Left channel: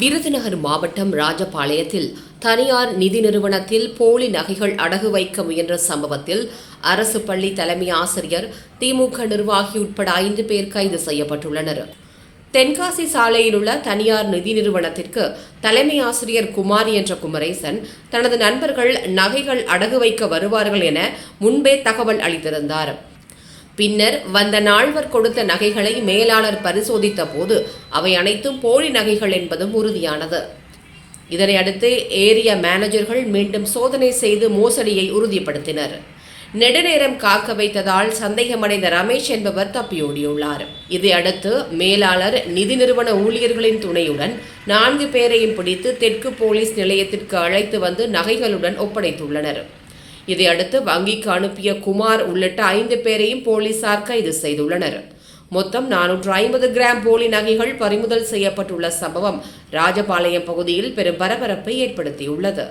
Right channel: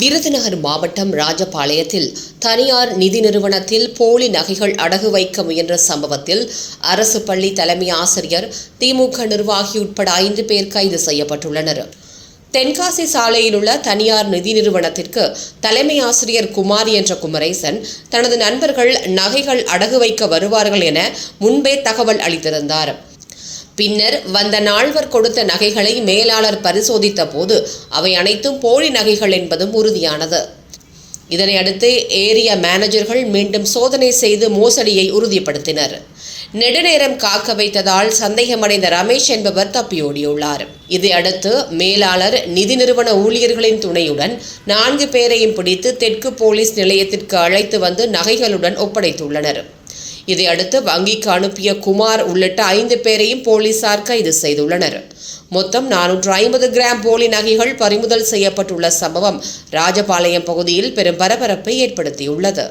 விருதுநகர் மாவட்டம் ராஜபாளையத்தில் தனியார் நிதி நிறுவனத்தில் போலி நகைகள் அடகு வைக்க முயன்ற சம்பவத்தில் அரசு பள்ளி தலைமை ஆசிரியர், திமுக நிர்வாகி உட்பட 5 பேர் கைது செய்யப்பட்டுள்ளனர். தென்காசி சாலையில் உள்ள தனியார் நிதி நிறுவனத்திற்கு தலைமை ஆசிரியர் குமார் என்ற குமரேசன் தனது நண்பர்கள் நகைகள் அடகு வைக்க வருவார்கள் என முன்பே தகவல் அளித்திருந்தார். பின்னர் வந்த நால்வர் கொடுத்த நகைகளை மேலாளர் பரிசோதித்த போது அவை அனைத்தும் போலி நகைகள் என்பதும் உறுதியானது. இதனை அடுத்து ஏரிய மேனேஜர்கள் மீண்டும் சோதனை செய்து மோசடியை உறுதிப்படுத்தினர். நெடுநேரம் காக்க வைத்ததால் சந்தேகமடைந்த ரமேஷ் என்பவர் தப்பியோடியுள்ளார். இதையடுத்து மேலாளர் நிதி நிறுவன ஊழியர்களின் துணையுடன் 4 பேரையும் பிடித்து தெற்கு போலீஸ் நிலையத்திற்கு அழைத்து வந்து நகைகளுடன் ஒப்படைத்துள்ளனர். இதையடுத்து வங்கிக்கு அனுப்பிய குமார் உள்ளிட்ட 5 பேரையும் போலீசார் கைது செய்துள்ளனர். மொத்தம் 450 கிராம் போலி நகைகள் பறிமுதல் செய்யப்பட்டுள்ள சம்பவம் ராஜபாளையம் பகுதியில் பெரும் பரபரப்பை ஏற்படுத்தியுள்ளது.